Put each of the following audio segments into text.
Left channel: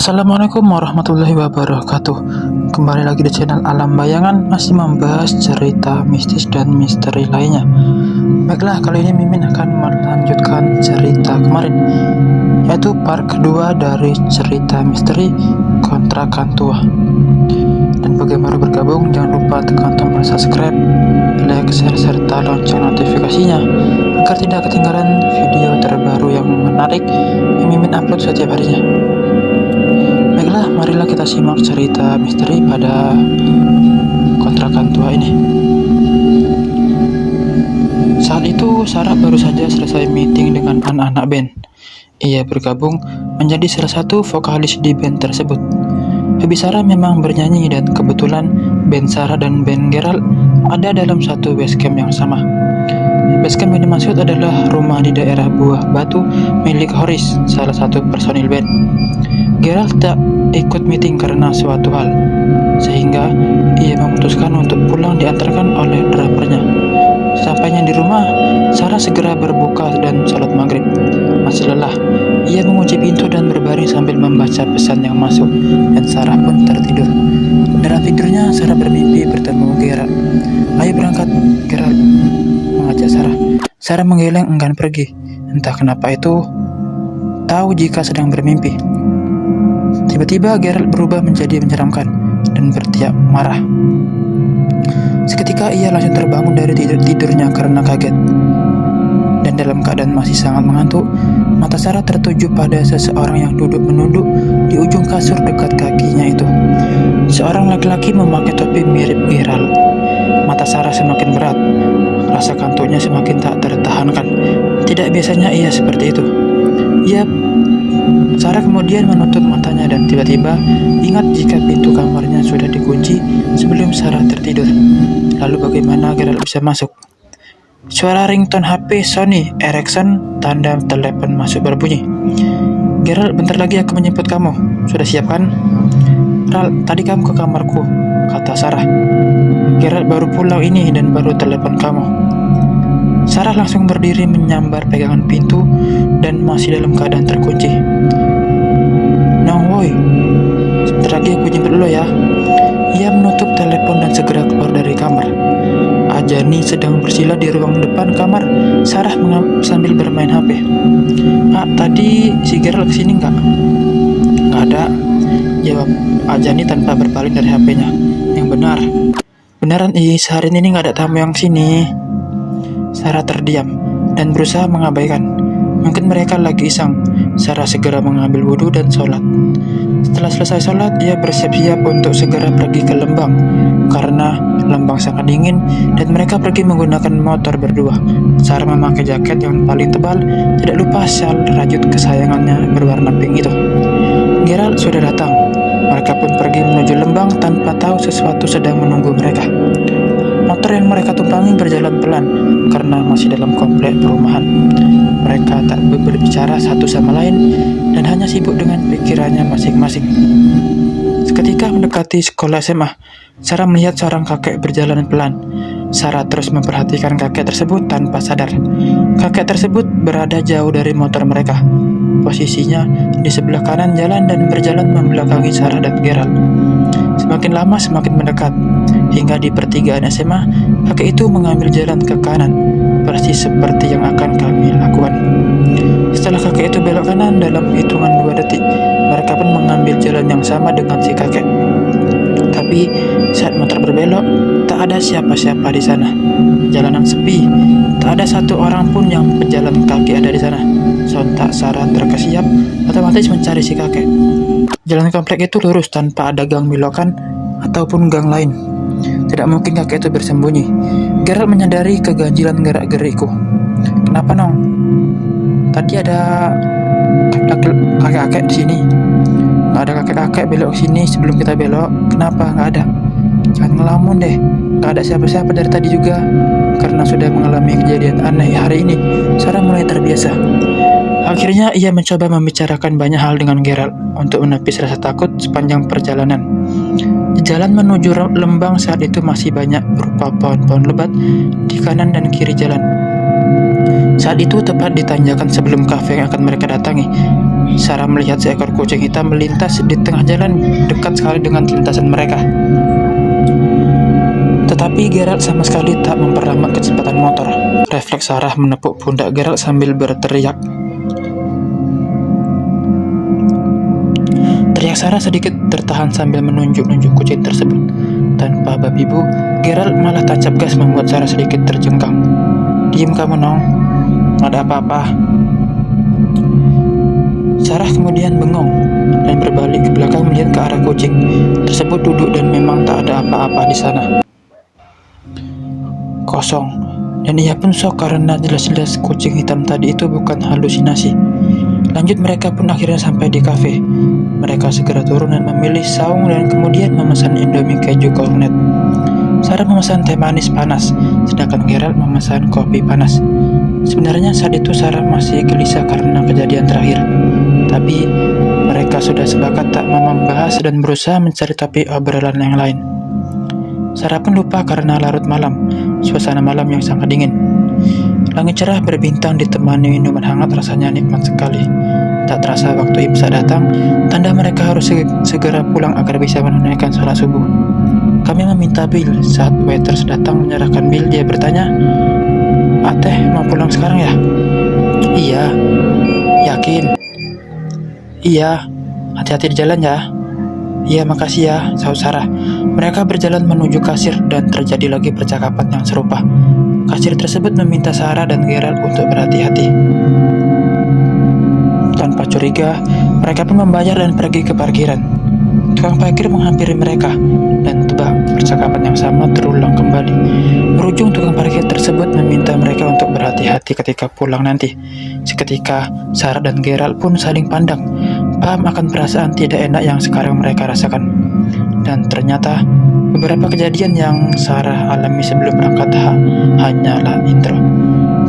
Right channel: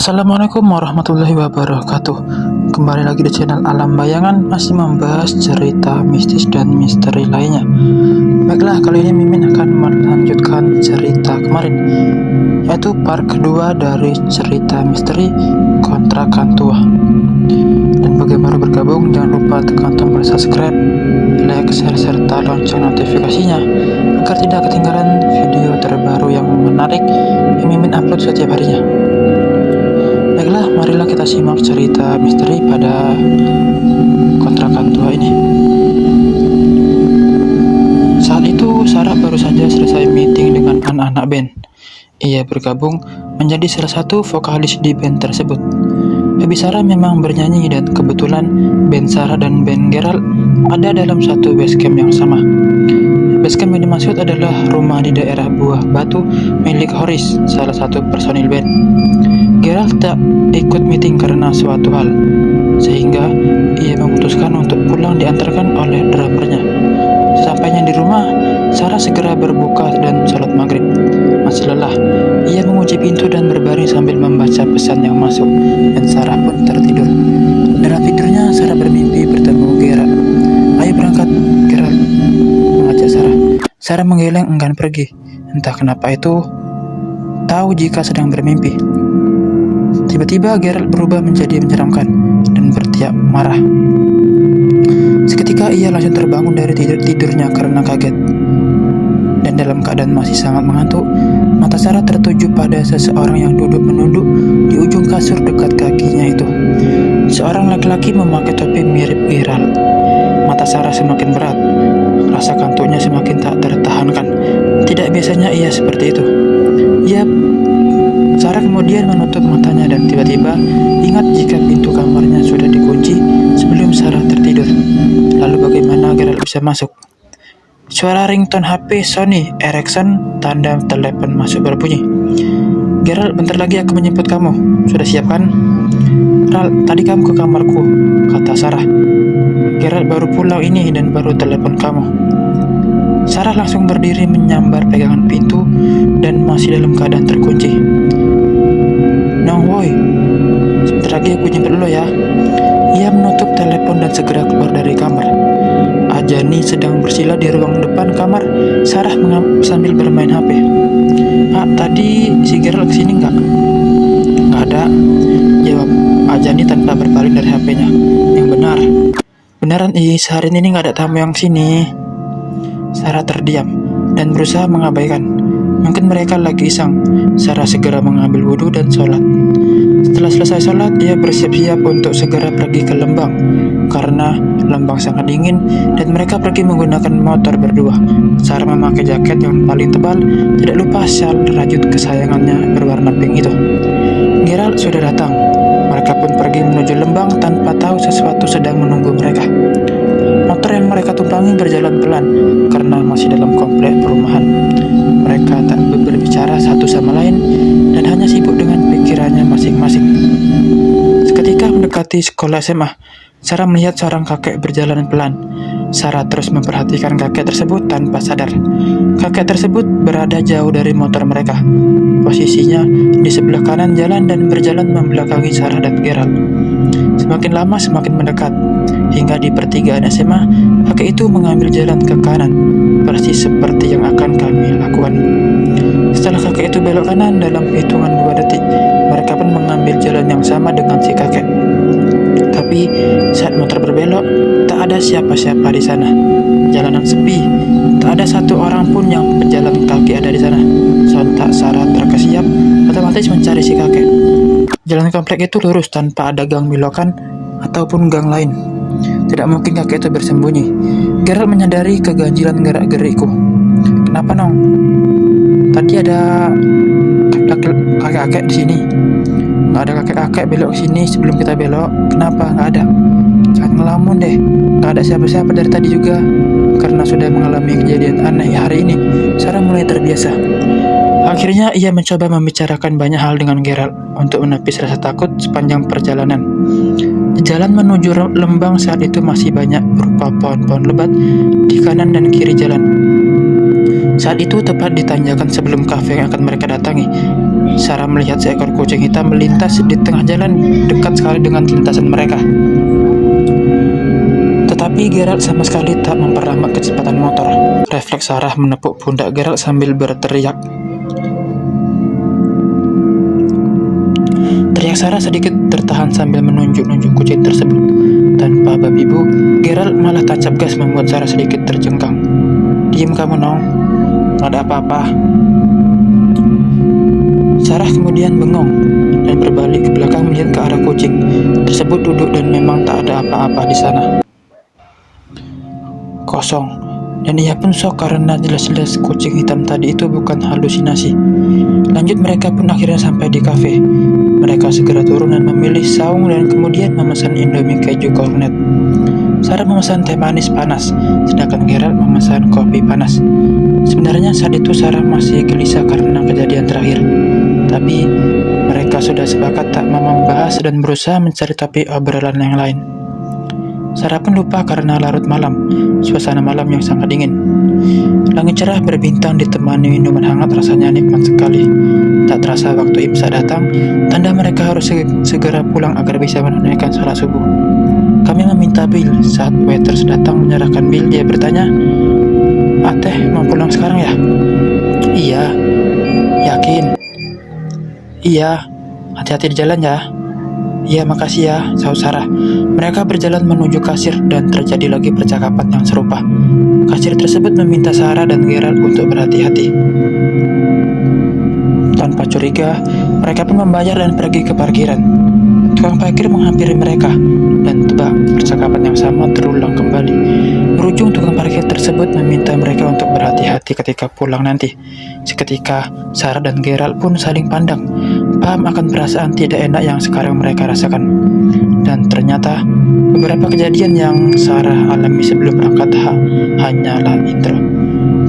Assalamualaikum warahmatullahi wabarakatuh. Kembali lagi di channel Alam Bayangan, masih membahas cerita mistis dan misteri lainnya. Baiklah, kali ini Mimin akan melanjutkan cerita kemarin, yaitu part kedua dari cerita misteri kontrakan tua. Dan bagi yang baru bergabung, jangan lupa tekan tombol subscribe, like, share, serta lonceng notifikasinya agar tidak ketinggalan video terbaru yang menarik yang Mimin upload setiap harinya. Baiklah, marilah kita simak cerita misteri pada kontrakan tua ini. Saat itu, Sarah baru saja selesai meeting dengan anak-anak band. Ia bergabung menjadi salah satu vokalis di band tersebut. Hobi Sarah memang bernyanyi dan kebetulan band Sarah dan band Gerald ada dalam satu basecamp yang sama. Basecamp yang dimaksud adalah rumah di daerah Buah Batu milik Horis, salah satu personil band. Gerald tak ikut meeting karena suatu hal, sehingga ia memutuskan untuk pulang diantarkan oleh drummernya. Sesampainya di rumah, Sarah segera berbuka dan sholat maghrib. Masih lelah, ia mengunci pintu dan berbaring sambil membaca pesan yang masuk, dan Sarah pun tertidur. Dalam tidurnya, Sarah bermimpi bertemu Gerald. "Ayo berangkat," Gerald mengajak Sarah. Sarah menggeleng enggan pergi. Entah kenapa itu tahu jika sedang bermimpi. Tiba-tiba Gerald berubah menjadi menyeramkan dan berteriak marah. Seketika ia langsung terbangun dari tidurnya karena kaget. Dan dalam keadaan masih sangat mengantuk, mata Sarah tertuju pada seseorang yang duduk menunduk di ujung kasur dekat kakinya itu. Seorang laki-laki memakai topi mirip Gerald. Mata Sarah semakin berat. Rasa kantuknya semakin tak tertahankan. Tidak biasanya ia seperti itu. Sarah kemudian menutup matanya dan tiba-tiba ingat jika pintu kamarnya sudah dikunci sebelum Sarah tertidur. Lalu bagaimana Gerald bisa masuk? Suara ringtone HP Sony Ericsson, tanda telepon masuk berbunyi. "Gerald, bentar lagi aku menjemput kamu. Sudah siap kan?" "Ral, tadi kamu ke kamarku," kata Sarah. "Gerald baru pulang ini dan baru telepon kamu." Sarah langsung berdiri menyambar pegangan pintu dan masih dalam keadaan terkunci. "Nong woi, sebentar lagi aku jemput lo ya." Ia menutup telepon dan segera keluar dari kamar. Ajani sedang bersila di ruang depan kamar Sarah sambil bermain HP. "Pak, tadi si Gerald kesini nggak?" "Nggak ada," jawab Ajani tanpa berpaling dari HP-nya. "Yang benar." "Beneran, sehari ini nggak ada tamu yang sini." Sarah terdiam dan berusaha mengabaikan. Mungkin mereka lagi iseng. Sarah segera mengambil wudhu dan sholat. Setelah selesai sholat, ia bersiap-siap untuk segera pergi ke Lembang. Karena Lembang sangat dingin dan mereka pergi menggunakan motor berdua. Sarah memakai jaket yang paling tebal, tidak lupa syal rajut kesayangannya berwarna pink itu. Gerald sudah datang. Mereka pun pergi menuju Lembang tanpa tahu sesuatu sedang menunggu mereka. Motor yang mereka tumpangi berjalan pelan karena masih dalam komplek perumahan. Mereka tak berbicara satu sama lain dan hanya sibuk dengan pikirannya masing-masing. Seketika mendekati sekolah SMA, Sarah melihat seorang kakek berjalan pelan. Sarah terus memperhatikan kakek tersebut tanpa sadar. Kakek tersebut berada jauh dari motor mereka. Posisinya di sebelah kanan jalan dan berjalan membelakangi Sarah dan Gerald. Semakin lama semakin mendekat. Hingga di pertigaan SMA, kakek itu mengambil jalan ke kanan, persis seperti yang akan kami lakukan. Setelah kakek itu belok kanan dalam hitungan 2 detik, mereka pun mengambil jalan yang sama dengan si kakek. Tapi saat motor berbelok, tak ada siapa-siapa di sana. Jalanan sepi, tak ada satu orang pun yang pejalan kaki ada di sana. Sontak Sarah terkesiap, otomatis mencari si kakek. Jalan komplek itu lurus tanpa ada gang milokan ataupun gang lain. Tidak mungkin kakek itu bersembunyi. Gerald menyadari keganjilan gerak-gerikku. "Kenapa, Nong? Tadi ada kakek-kakek di sini." "Nggak ada kakek-kakek belok sini sebelum kita belok." "Kenapa? Nggak ada." "Jangan ngelamun deh. Nggak ada siapa-siapa dari tadi juga." Karena sudah mengalami kejadian aneh hari ini, Sarah mulai terbiasa. Akhirnya ia mencoba membicarakan banyak hal dengan Gerald untuk menepis rasa takut sepanjang perjalanan. Jalan menuju Lembang saat itu masih banyak berupa pohon-pohon lebat di kanan dan kiri jalan. Saat itu tepat di tanjakan sebelum kafe yang akan mereka datangi, Sarah melihat seekor kucing hitam melintas di tengah jalan dekat sekali dengan lintasan mereka. Tetapi Geralt sama sekali tak memperlambat kecepatan motor. Refleks Sarah menepuk pundak Geralt sambil berteriak. Teriak Sarah sedikit tertahan sambil menunjuk-nunjuk kucing tersebut. Tanpa babi bu, Geralt malah tancap gas membuat Sarah sedikit terjengkang. "Diam kamu, Nong. Nggak ada apa-apa." Sarah kemudian bengong dan berbalik ke belakang melihat ke arah kucing tersebut duduk dan memang tak ada apa-apa di sana. Kosong. Dan ia pun shock karena jelas-jelas kucing hitam tadi itu bukan halusinasi. Lanjut mereka pun akhirnya sampai di kafe. Mereka segera turun dan memilih saung dan kemudian memesan Indomie keju kornet. Sarah memesan teh manis panas, sedangkan Geralt memesan kopi panas. Sebenarnya saat itu Sarah masih gelisah karena kejadian terakhir. Tapi mereka sudah sepakat tak mau membahas dan berusaha mencari topik obrolan yang lain. Sarah pun lupa karena larut malam, suasana malam yang sangat dingin. Langit cerah berbintang ditemani minuman hangat rasanya nikmat sekali. Tak terasa waktu imsak datang, tanda mereka harus segera pulang agar bisa menunaikan sholat subuh. Kami meminta bil. Saat waiters datang menyerahkan bil, dia bertanya, "Ateh mau pulang sekarang ya?" "Iya." "Yakin?" "Iya." "Hati-hati di jalan ya." "Iya, makasih ya," sahut Sarah. Mereka berjalan menuju kasir dan terjadi lagi percakapan yang serupa. Kasir tersebut meminta Sarah dan Geralt untuk berhati-hati. Tanpa curiga, mereka pun membayar dan pergi ke parkiran. Tukang parkir menghampiri mereka, dan tebak, percakapan yang sama terulang kembali. Berujung tukang parkir tersebut meminta mereka untuk berhati-hati ketika pulang nanti. Seketika, Sarah dan Geralt pun saling pandang, paham akan perasaan tidak enak yang sekarang mereka rasakan. Dan ternyata, beberapa kejadian yang Sarah alami sebelum berangkat hanyalah intro.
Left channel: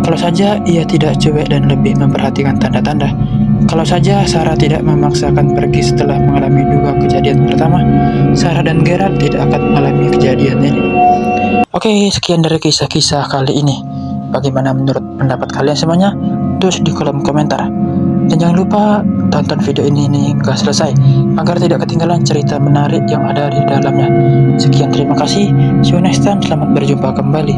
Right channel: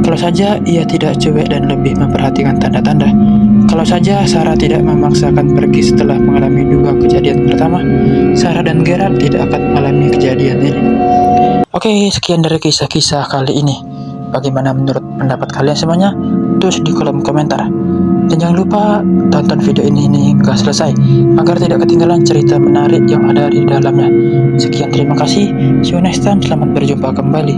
Kalau saja ia tidak cuek dan lebih memperhatikan tanda-tanda. Kalau saja Sarah tidak memaksakan pergi setelah mengalami dua kejadian pertama, Sarah dan Geralt tidak akan mengalami kejadian ini. Oke, sekian dari kisah-kisah kali ini. Bagaimana menurut pendapat kalian semuanya? Tulis di kolom komentar. Dan jangan lupa tonton video ini hingga selesai, agar tidak ketinggalan cerita menarik yang ada di dalamnya. Sekian, terima kasih. See you next time. Selamat berjumpa kembali.